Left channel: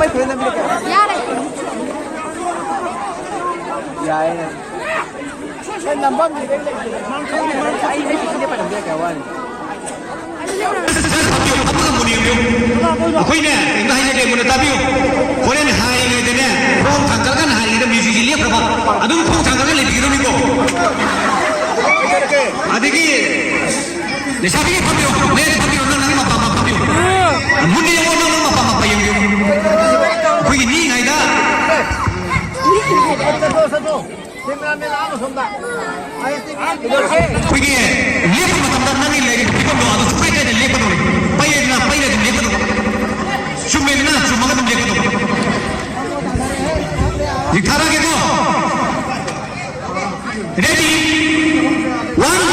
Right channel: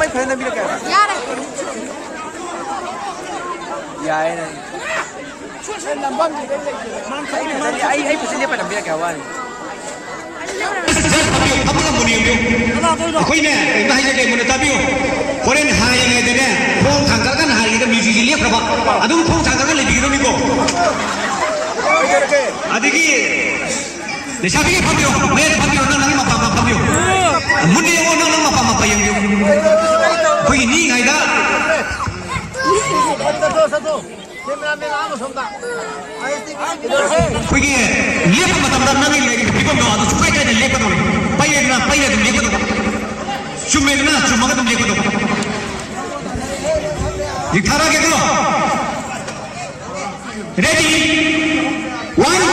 mai kure na bila ka yaay na sen lambam ni dai ai pisi le pa nam bila ka wan कोई ने कहीं जगह मुझे ताबियो कोरेन हाय ने देने फोन थंगल का हाय इधर म्यूजिक लिए प्रभा अदू फोन थंगल का ले बिगड़ो निको अदिकी निशाबी पंडियो मैं पंडियो ना ना पापा पंडियो मुंडी यो ना ना पापा पायो कोई नी नाइदा कोई ये मतलब ना नहीं लेके बिगड़ो अदू चुके के लेके दो पाये ना लेके दो शुमेना शुमगा तुम लेके दो दिखारा के दो ready 1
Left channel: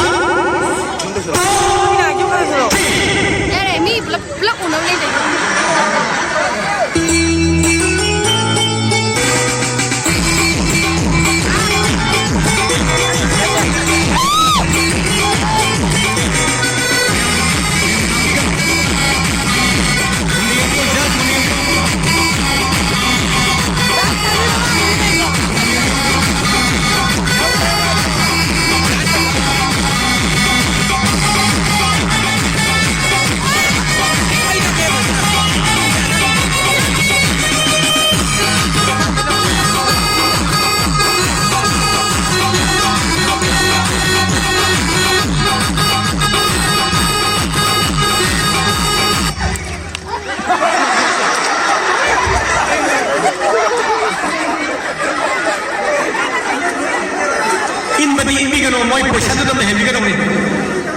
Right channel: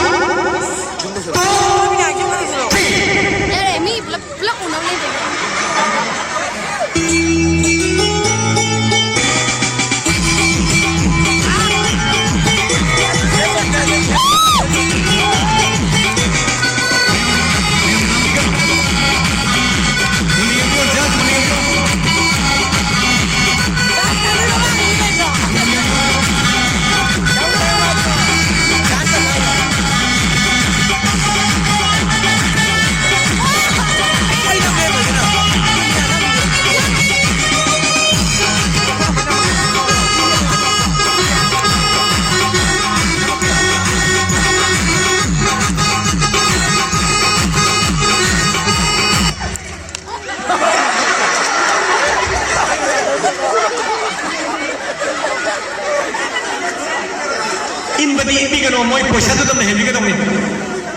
ini kan omoi poisa tu tu heavy kan omoi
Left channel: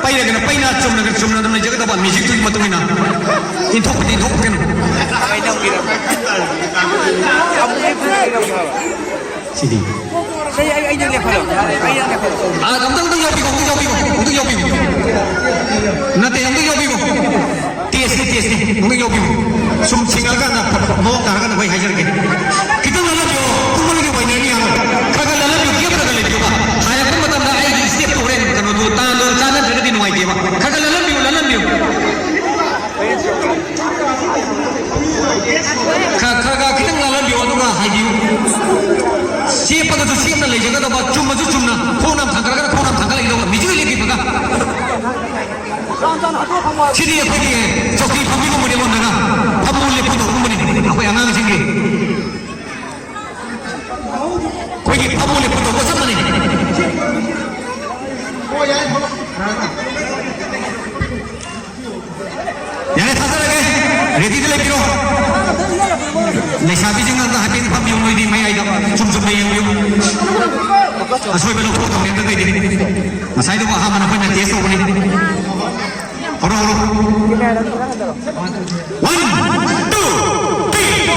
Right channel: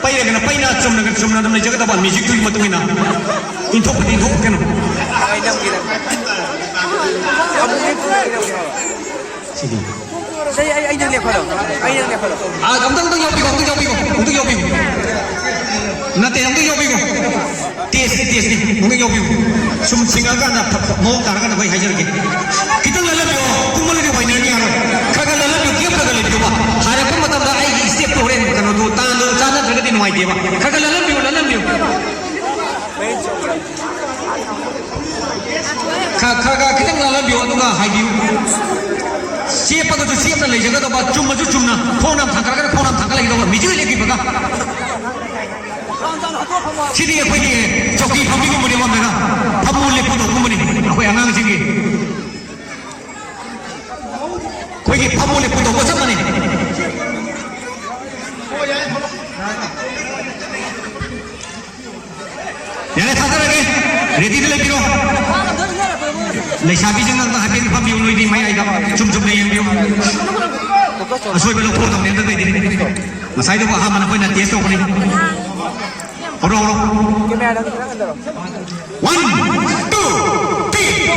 paina cumna tu jaga tu music tu matu ina inthok kan sini saya ini lihat kalau kamu tu yopi nanti yopi TSD mungkin yopi sum singal kan mau kan bayi hajar ke kita lalu yo kumul ke bayi ni kagak lalu yo kagak lalu yo saya kan mata bayi istri turen kan tu tangan tangan terus di nuai dia kagak lalu yo kagak kita lalu yo tu kan haji siapa tu siapa lagi jaga tu cuma phone thangkar lagi tu miju lagi baga sini ya pergi joki pergi ke mana mana kamu lihat tu kamu ni apa yang ngang sini pergi kamu lihat tu apa sama ni yang thangkar lagi ready tu lagi tu lesabi jangan tak habis kamu yang ini mai ada cum yang dia asal belum pun tu ni tu ini saya tu faham mana pun nanti esok ni One, two, three.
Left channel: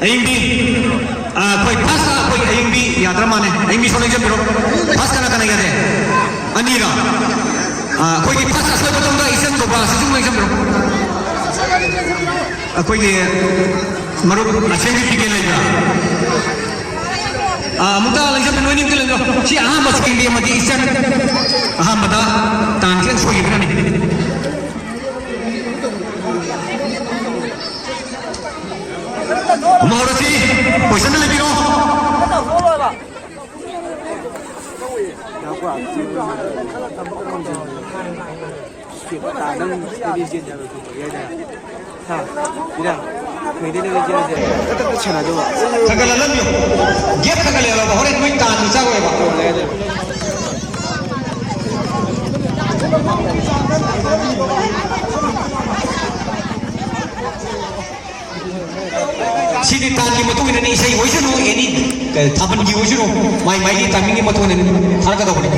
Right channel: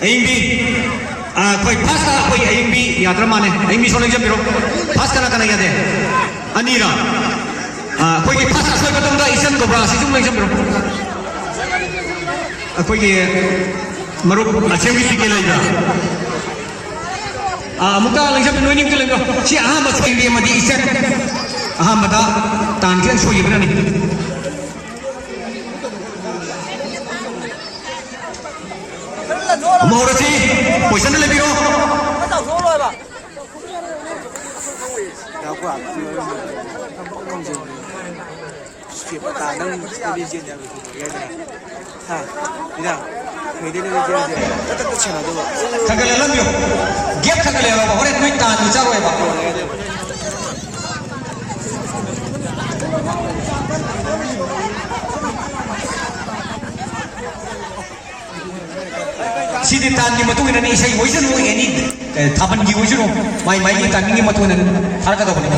Hindi कोई fast कोई MB यात्रा माने MB सोने जब बिरो fast करना याद है अनीरा कोई फास्ट सोए तो तुमरा इसम तो बात सिसुम नहीं जब कोई मरो अच्छे भी पिके ले जा मुद्दा नहीं जब नोनी के ले जो सी आम बस के लिए मधी इसन आम बता तांजन सोई बना नहीं मोरसी पैसा ले बिरो खगल लम्यो गेप खगल ले बा होरे तुई तान चा रोए बा सिदि तान की मतु ने इसै होइसनु एनी थापन की होइसनु माइ माइ तान की मतु ने थारका दो बने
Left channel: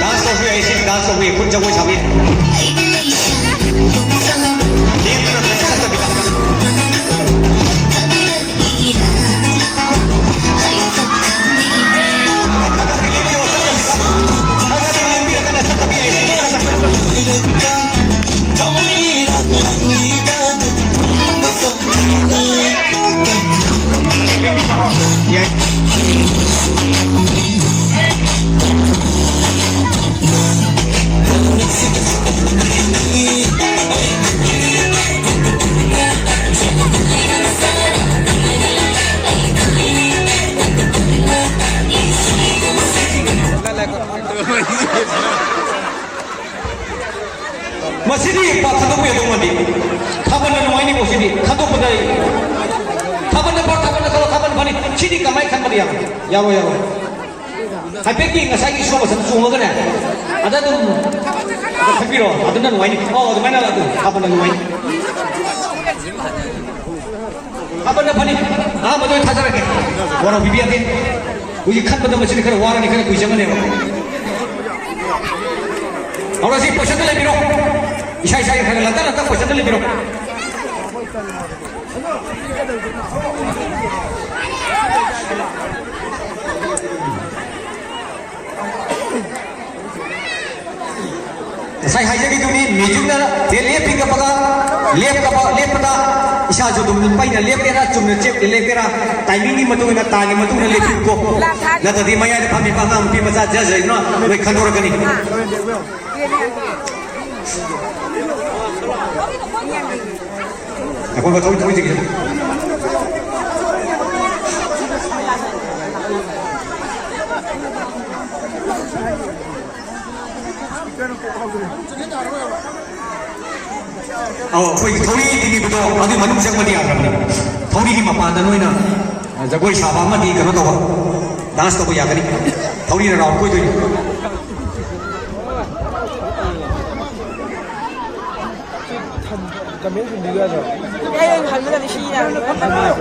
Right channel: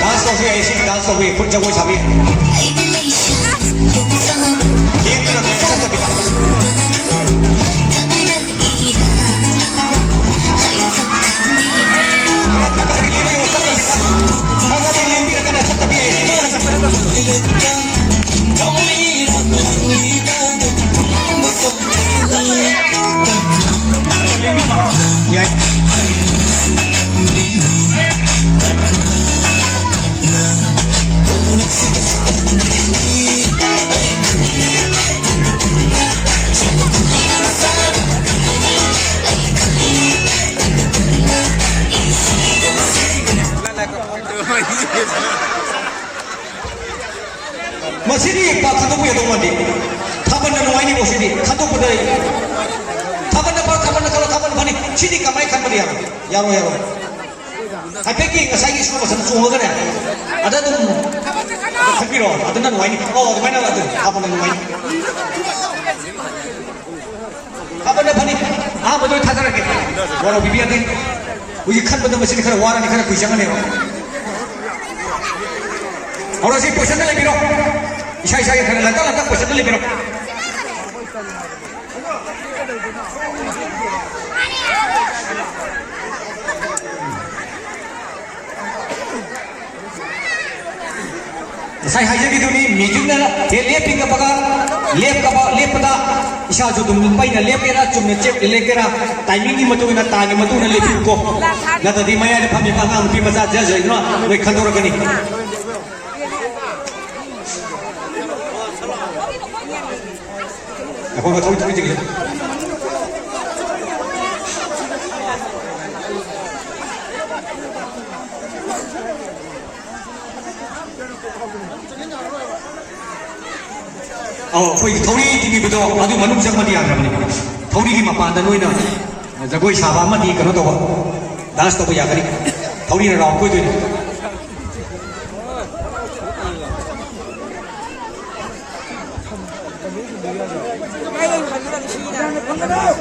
डांस तो हुई ऐसी डांस तो हुई खुद जब वो छावी ये तो ऐसा तभी मसीदी पाथादो को यदो मंदी थाबन नवाइनी मोसीदी थादो पदई थाबन पर थाबन करो थाबन फनी सिदी कमाई खन बदिया यारो यारो हाइपेकी ngasai ki sumo san sungo gane ada dum ada khapiro ada nan waini oh de mana atu थाबन नवाइनी थाबन फनी आ बदoi थाजर के वरा बिबिया दिन उजी खन बदम मसीदी खरे वारा नि खरे कुइ जंगने और ऐसे पैसा ले बिरो इशा इशा के खरे लता लता पैसा ले बिरो sai hai jadi duni mijung na dia lep pinga paga lep pada isa jo dum pai na lep era chum na chep le kera timing ni matu na ta ni matu na lep ko na ta di maya de phami pa ngang pi masa ja ja no noi khandor kani aku nggak tahu itu gitu oh koi thori ini bedo adu manung sang mani agam ni thori ni mapa da noina jagoi saba ma di kano to dance to ya kari thori na raw koi doi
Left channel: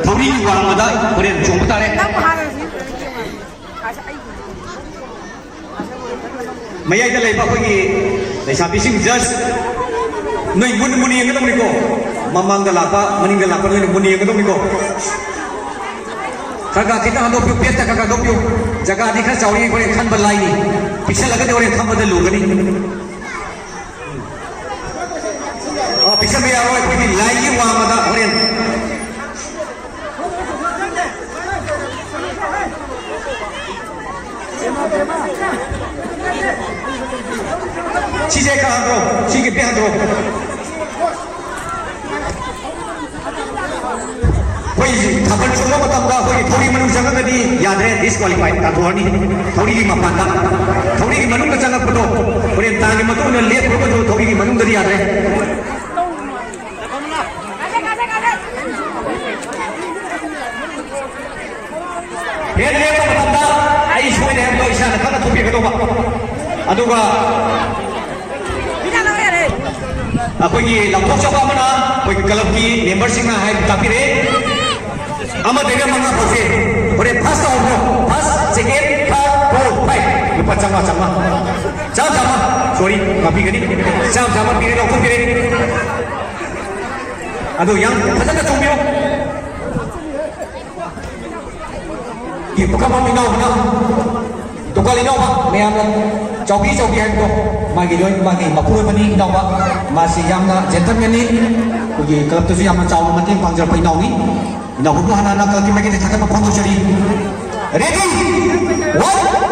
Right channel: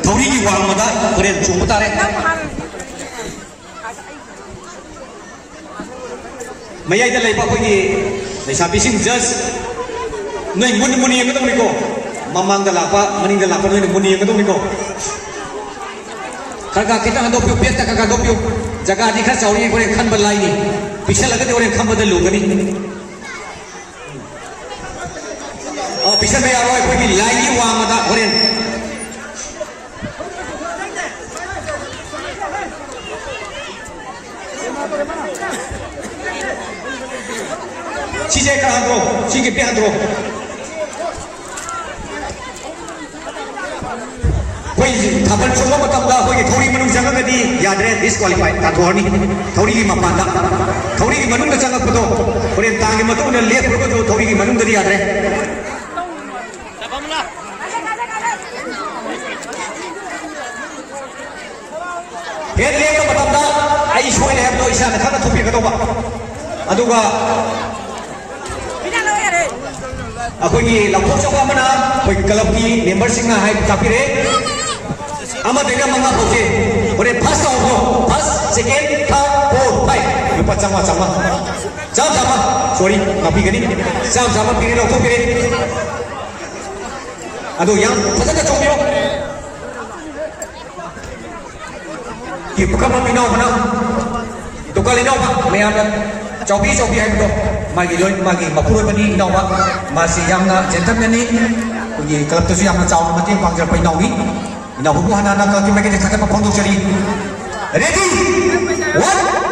thori ni waramada kore chumbu tare mayai da leiba koi lesapi sing just noi muni yang ketemu niko mamang galapa meninggal apa noi muni yang ketemu niko kakak kita ando piu peta kakak do piu jaga adi khas chauri kore khan balai ni piche lagane ore kham badal lugani oh piche me aro koi ni lai ni wa mada ore chije ka andro chige pe andro koi thaban chulo matam da koi thori manung janga ka di yadre disqualify ta thorni thori li mapan da thori ki manung da janga photo ore ta ki matu ne le pro jo thori ki manung da di yadre he le ka matam da ai shoi le ha isa na khana thopi ka to ba aduga अकोई लखोक चौका मना कोई club की member Singh high काफिरे अमा देगा मंगा पोसे और first आओ first second third fourth five lupa sama sorry ngapi gini sama pilih lo pilih aduh yang sana congbiu bukan mau minum mana tukar minum pak meyam cobi hai betul magi mapurun mani minum pak masih yang gentleman ni punya kalau tu yang macam mati pangjar minum ni minum buku anak-anak kalau kita kita cakap apa pun jadi ready 1 2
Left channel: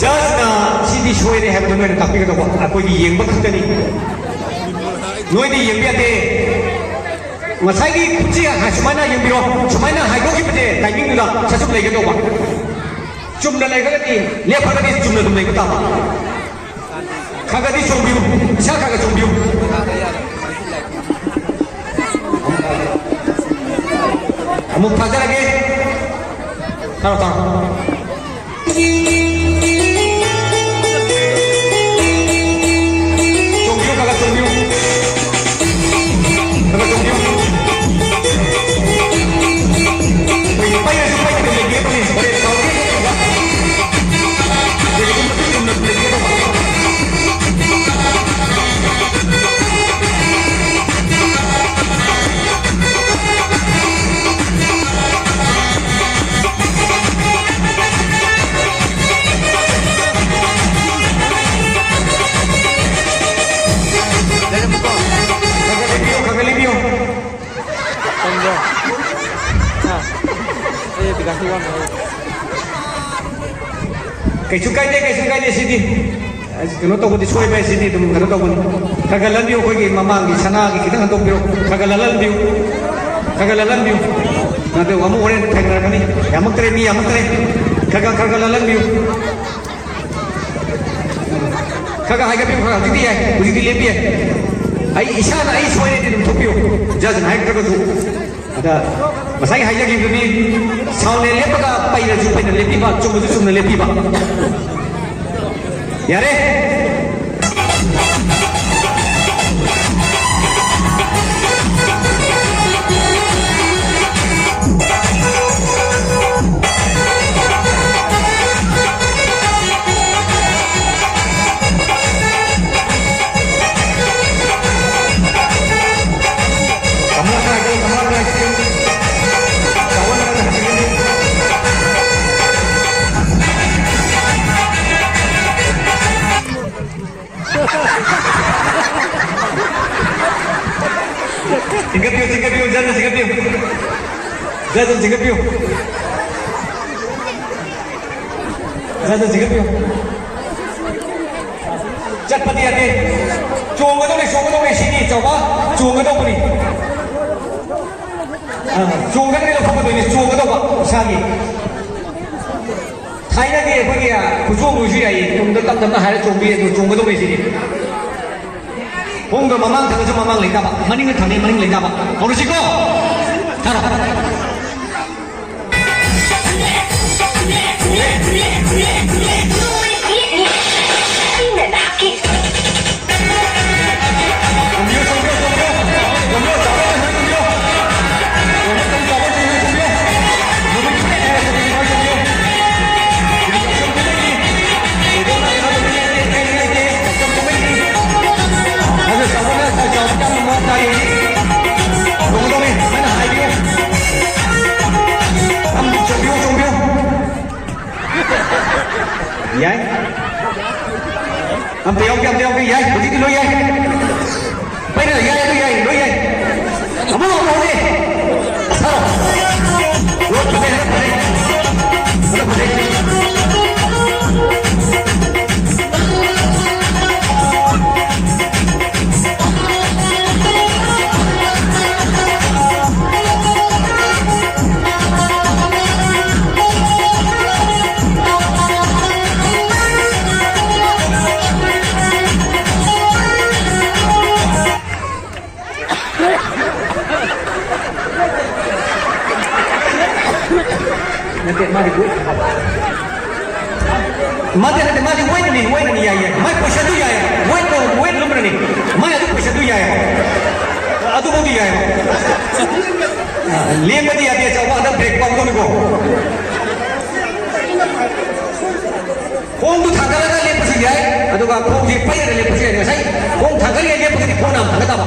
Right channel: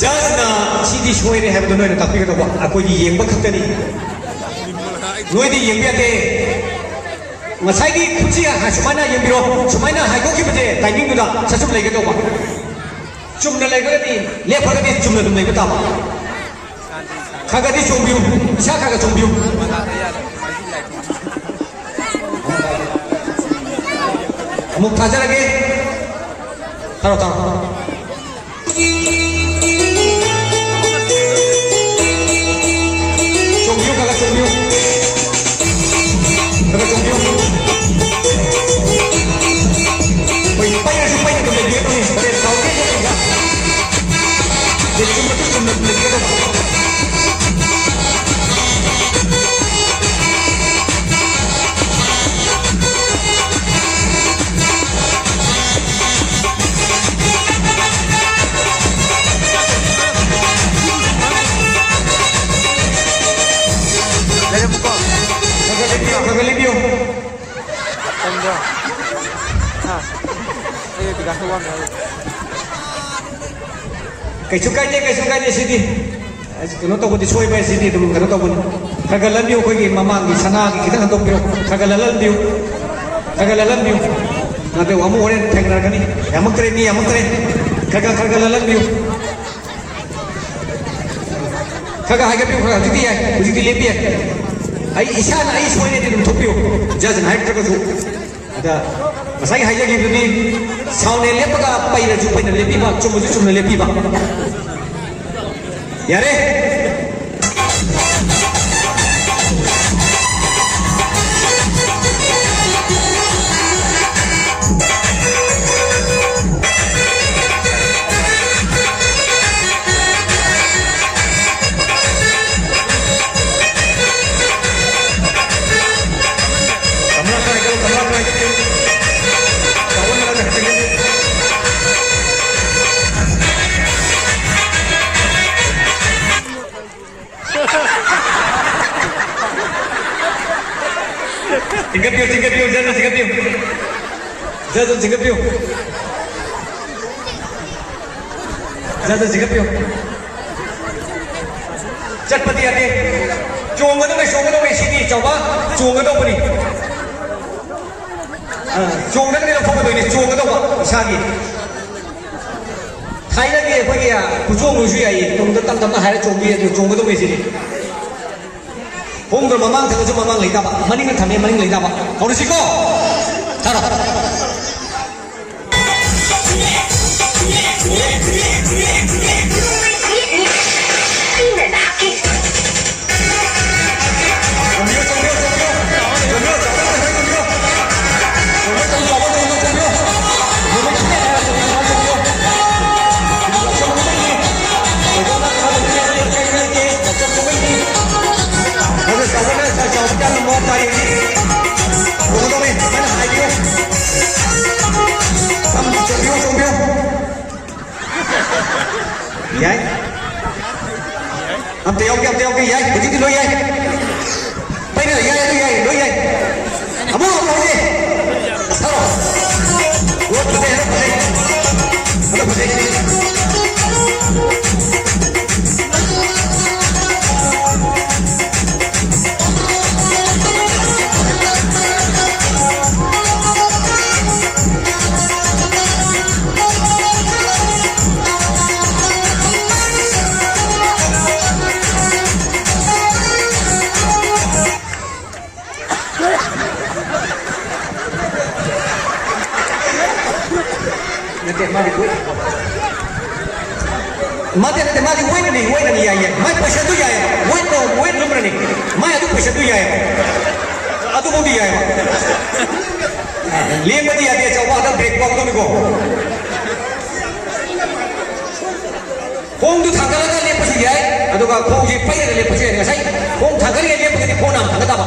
Just CD show ini have no tapi kita buat aku di yang betul tadi. Noi di yang biasa. Masai di kunci ya, cumana yang biru, cumana hai kau kita timing tu dah, saya cuma lagi tu buat. Cuma lagi ni, lepas ni cuma tu lagi tu apa? Kagak di cuma biru, siapa kagak cuma biru? Kamu pelajar lagi? Taruh. Kaisukai deh sini. Kalau tahu di suai bayar sini tu, kalau tahu pun. Kagak lalu kau ini mamang di sana kita kan tahu biu. Kagak lalu. Nanti kamu orang tengah kan ni. Yang menteri. Kagak lalu biu. Kagak harga biu kagak jadi ya, jadi lebih ya. Isana suai ni tu biu. Jangan high terus tu. Ada. Masai high lagi tu ni. Sound ni lepas kau payah lebih bah, cuma lebih bah. Ya re. Tingkat piu, jangan tingkat piu. Cepat hati. Cuma tu sini, coba cuma tu ni. Cuma ni lo fokus ini, cuma tu apa? Sagi. Thai lagi apa dia? Kucing lucu ya, tunggu tam hari cuma tu sini. Hong kong mamang tengah cuma mamang lagi tak? Maning kan kami maning lagi tak? Kau lucu kok? Taruh. Vậy Ông tiêu cái vậy Tôi chỉ cái đôi vậy Bây giờ đôi vậy Ông muốn không đi Sao Ủa tôi đây Nó đây माजी wait माते ना माजी wait नहीं याय my पैसा दु याय wait लुमरनी my अदु पैसा दु याय अदु बोदी याय लेम बदी यादे चौबा दा ब्रेक पाउ तो निको खोंग दु थांगलागा लेपसु याय अदुगा खोंग जी पैरा लेपसु याय ngasai खोंग थांगली याय लेपगि खोना थांगदा बा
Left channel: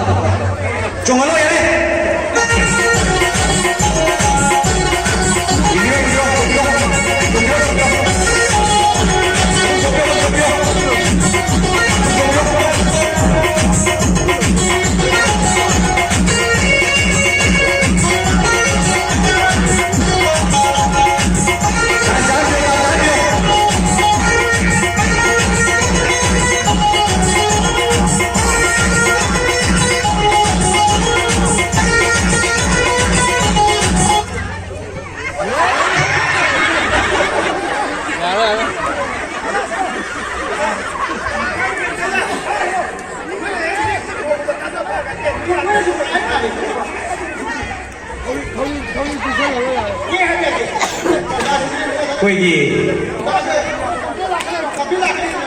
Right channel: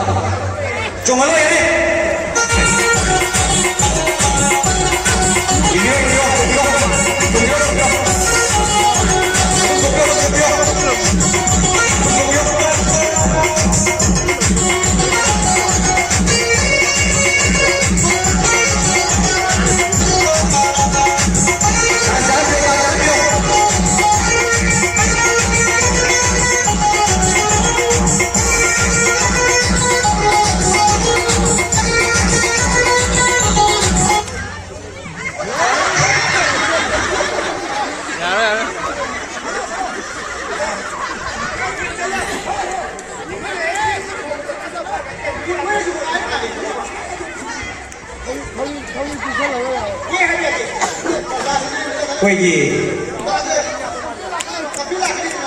चोंगलो याय कोई ये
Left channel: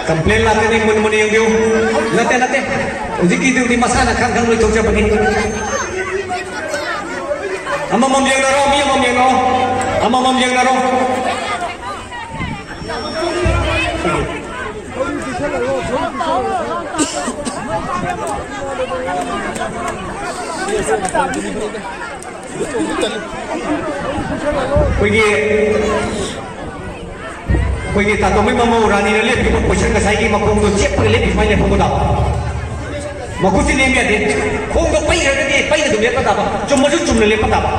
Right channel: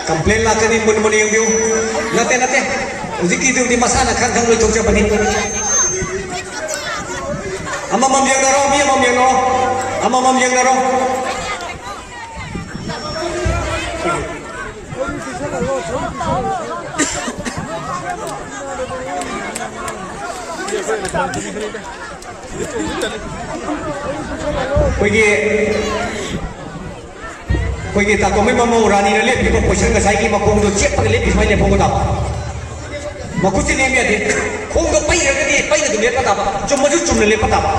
कंप्लेन लाते नहीं मन money yang nate ziki du di masana kan kan lu tongja bani ama mam yang naro mi mam yang no ama mam yang naro कोई तातो में ममो रानी ने ले पिपो पोषण का साइकी मकोंग दो चेप पर ले पिसमाई ले फोंगो दाबा मकुची ने मिया दे खोंग दो पाई दो ले पता बा जो मजू चुम ले पता बा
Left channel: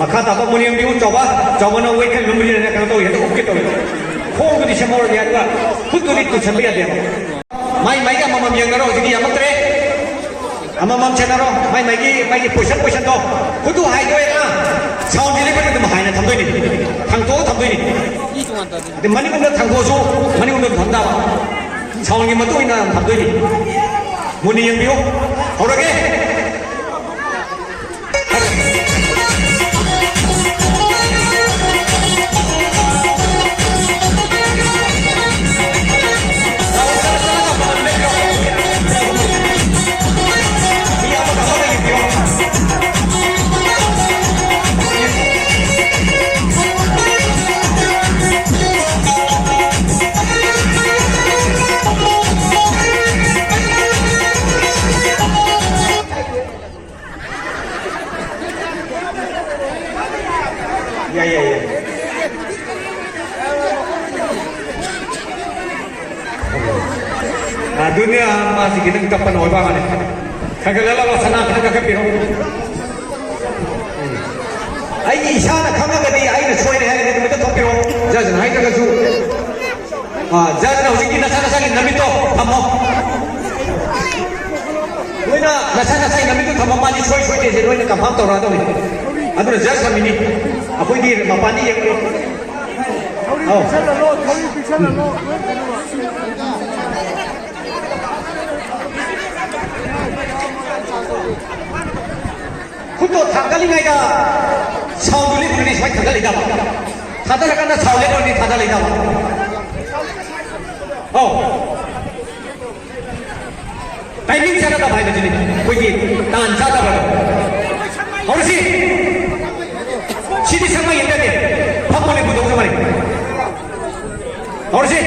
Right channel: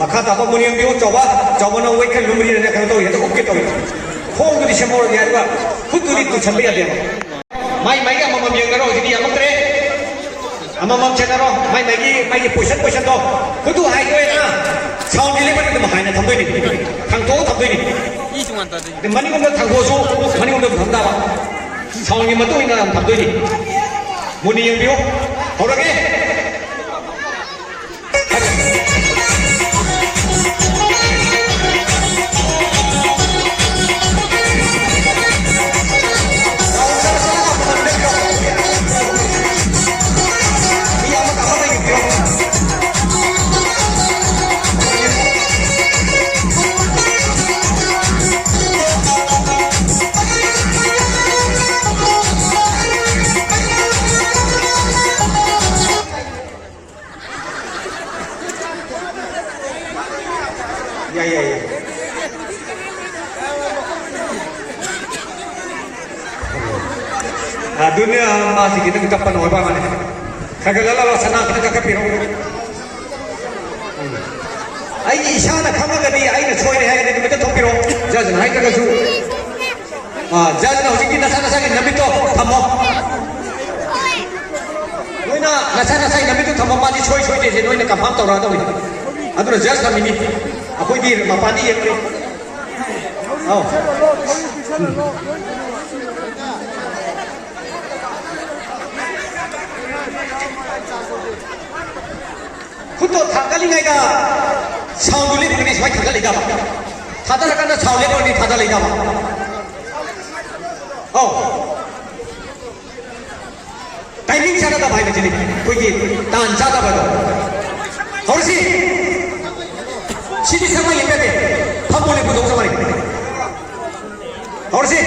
मखा तातो मुनियम दियो चौबा नो वे खन लुमरी ने कर तो ये तो ओके तो खोंग दो दिशे मोर दिया बा फुतुली तु छंबे दे माई का ममम यंग रो दिनी यमत्रे अममम चेनारो माई पोषण तो खुदु हाई दो ना साउंड दिले पर तुम हाई ना थमदोय नि थांतो थमदोय नि दे मनी गुम थांगोसु मनी गुम थमदा बा साउंड की मतु इना थमदोय नि मुनि यंग बियो हौरगे dunia masih kita kapan orang mana? Kagak lalu sana kita kagak pirong. Aini isana kamu tadi aini soal ni hari ni kita top pirong. Jangan hai kagak su. Jangan uji kita sana sana nabi tu thammo. Noina sana sana nabi tu thammo mani soal deh. Noina kampang tu orang tu ni. Aduh jangan kami ni. Aku ini mapani yang ni. Oh. खुद थांगाली गायदा साउंडुली बुगनी सबाय थांगाली दाबा थादा लगाना साउले दनि थादा लै दाबा औ timing जाना दा भाई बजनी कोई तान जादा बरो हरसी सिदी समय येते दे फमोले बुदों समारे हरसी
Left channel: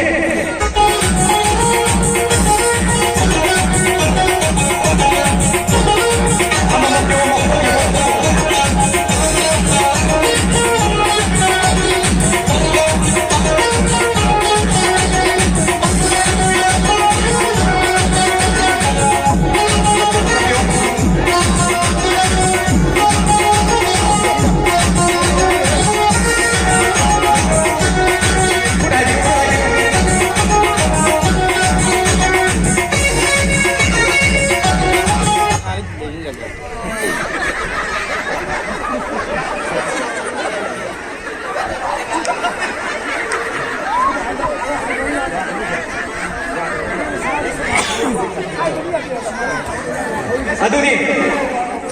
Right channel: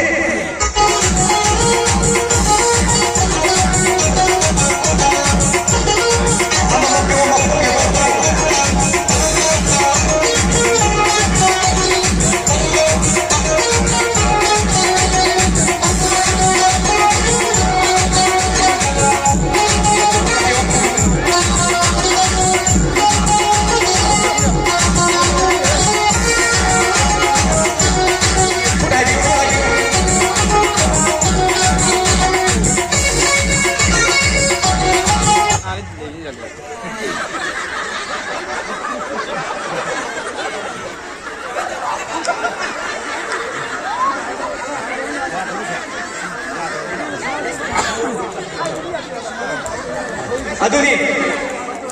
Aduni,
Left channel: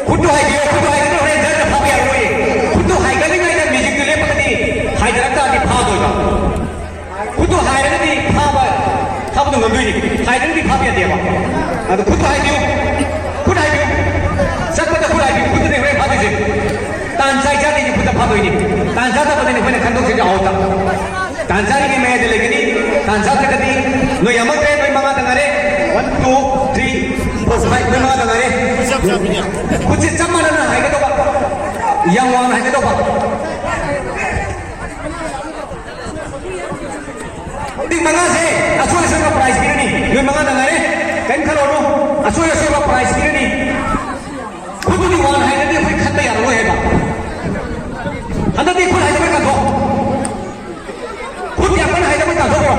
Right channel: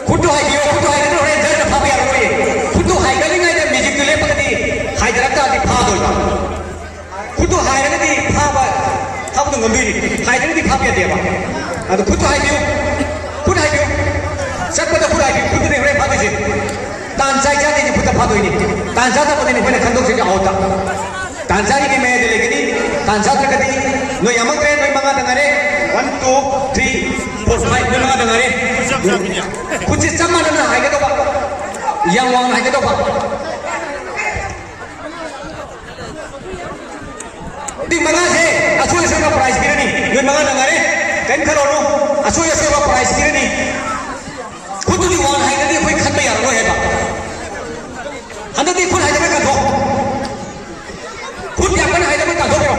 kudu hai dia orang jadi pakai aroi. Kudu hai kali ni ada music tu le 하이라는데 파바 타보던 건들이 하이라는데 파비야 돼봐 아도 굿도 하이비요 굿 하이비요 싹부터 굿 하이비요 굿도 내 그래 받으지 단자이자들이 부터 파도이니 단자다 보더니 그냥 감동적이 아웃다 단자리게 매야 되려니 단자들까지 너 야망대 너 망아 당하래 1, 2, 3, 4, 5 너 망아 당하래 굳이 짬만하는 하이게도 봐 양왕은 하이게도 봐 di mana sih asuh sewa price kira ni di mana dengar kan kalau no asuh sewa price kira ni kudu di wan hai ni koi khat bayar lo hai ba anda di koi hai da ka do kudu yang mana hai da ka do bro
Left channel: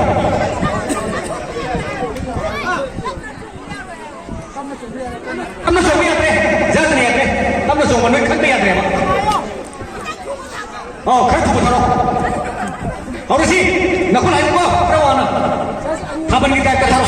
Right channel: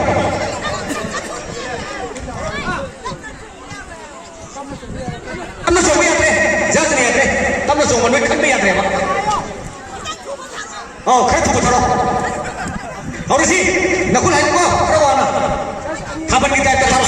amna so bayar re jat ni re tamna so man khat bayar re ba oh khat tu tharo और इसी नकुल है को रवाना खाबन की type का था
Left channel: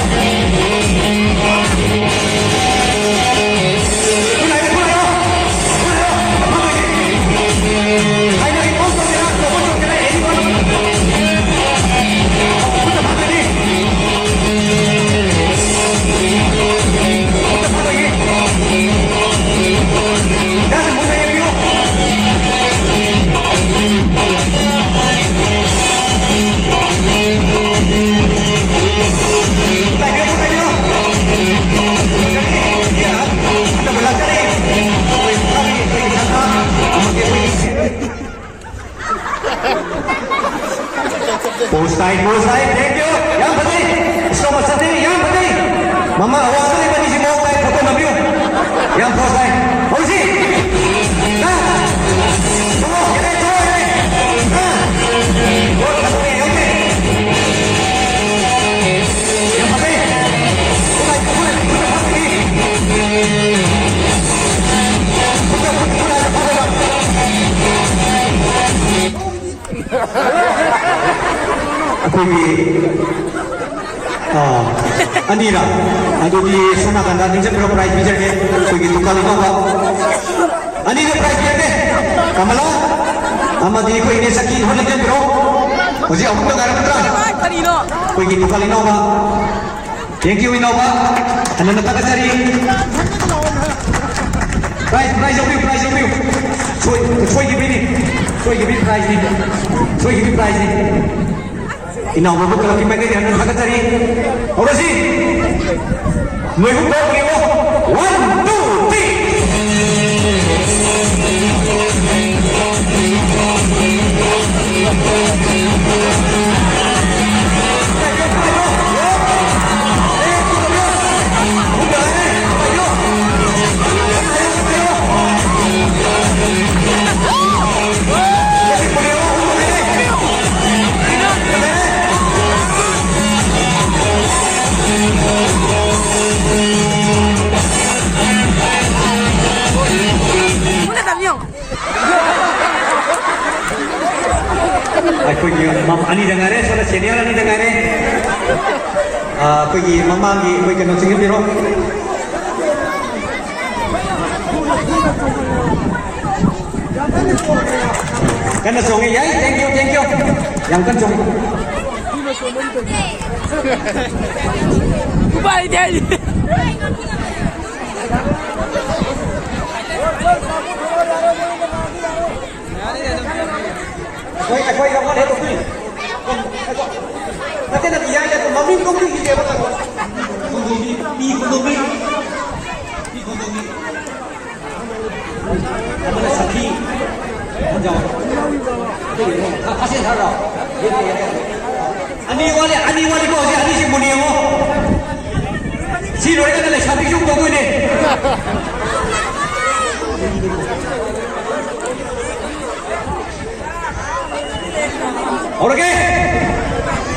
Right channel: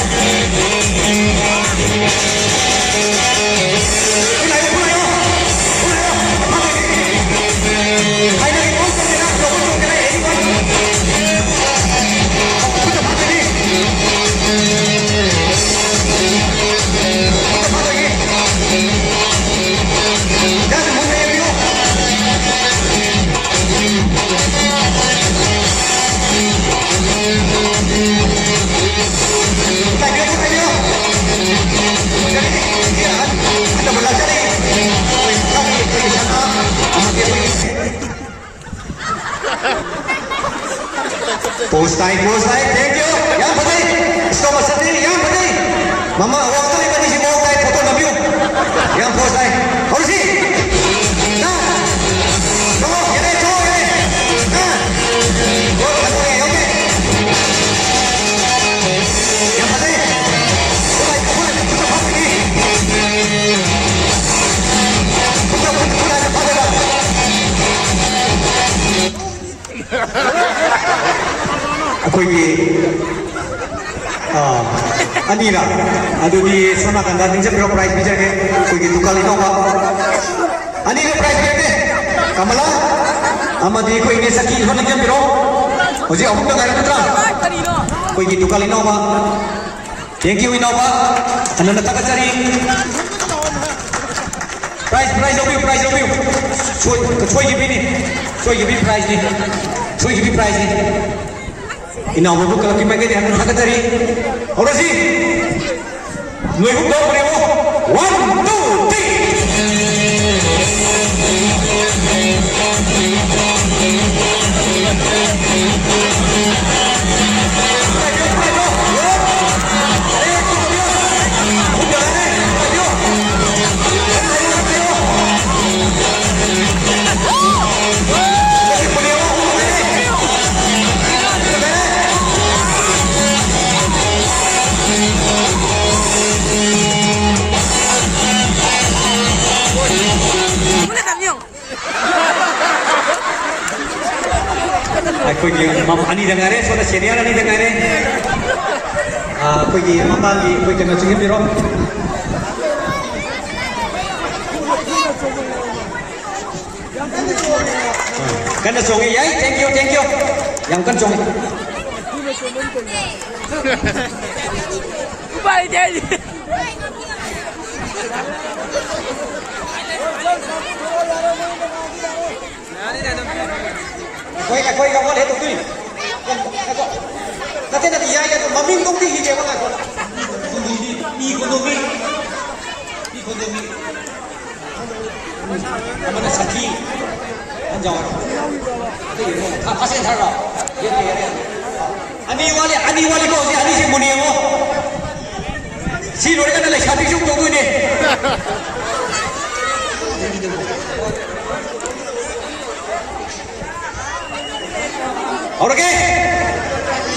Post time, thank you. Yang penting, stop sendiri. Yang penting, mama awak tu ni si mau tay foto nabi. Yang post time, harus sih. Nah, tunggu, ini tunggu ini. Nah, buat kamu ni, okey. Yang penting, boleh, kita pakai ni. Kita ada pakai dah. अखोई अनीरा अदुगी सोना कंदा निजे pro price बिजर के कोई दुकान no बा Anira price देते कमला अमदी कोई ने सकी होने के प्रो मुझे अमुक गार पत्रा कोई दुकान नो बा थैंक यू नो बा अनन तक सरी प्राइस ओबी सोई गिबी प्राइस नी ina babu kalau kita gini akan kita cari orang sih mereka beri 1, 2, कोई मम अनि dengar soalnya senior ani dengar कोई mama की कोई कनो चिंगे बिरो kan song ya thank you yang kan song bye daddy कोई का बोले तो कोई कहते ना दिया या तो मम्मी को भी ही जेब का मी को भी हमारे साथी हम जाओ तो था फंसे था रहा अनि वाले को अनि से मुनी हो सी रोड का ले शादी शुरू तो कोई नहीं और क्या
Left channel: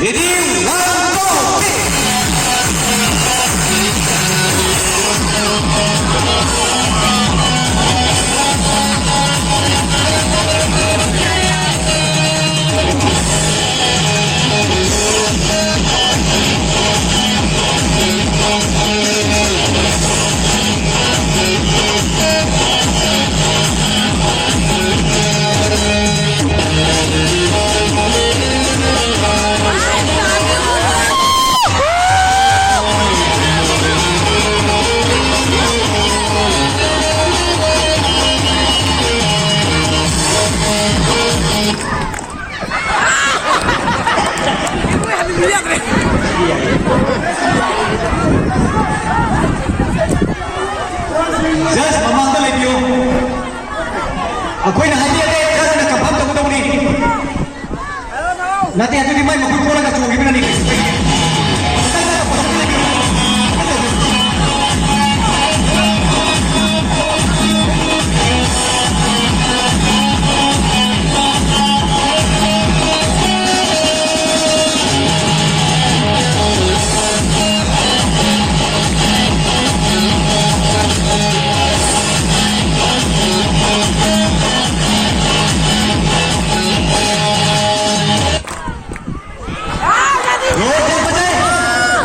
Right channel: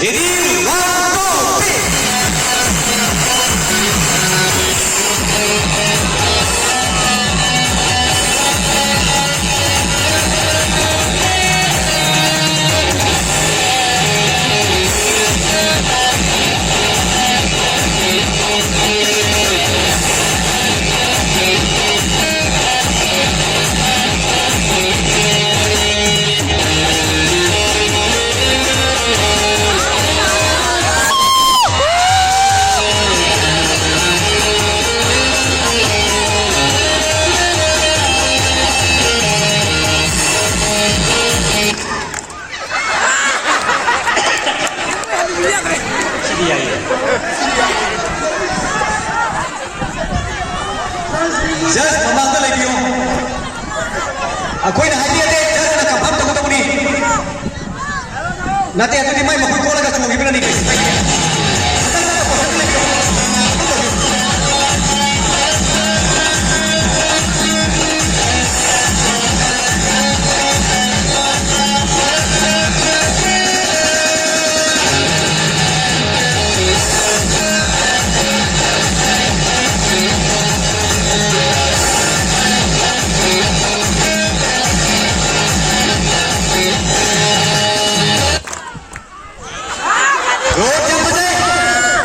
ready 1, 2 Just mamanda lagi yo. Aku ini hati ada cara nak kapam tu kita ni. Nanti aku di mai makui kola kat semua gimana ni?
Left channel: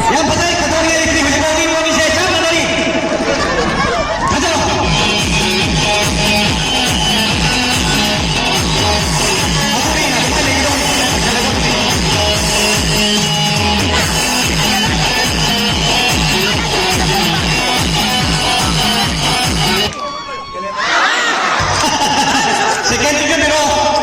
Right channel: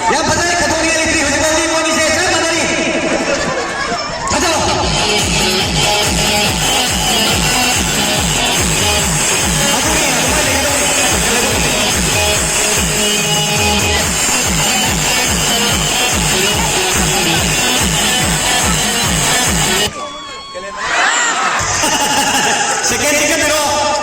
Yang betul ketua ini hujung tim Malaysia siapa tadi? Betul. Sikit-sikit pero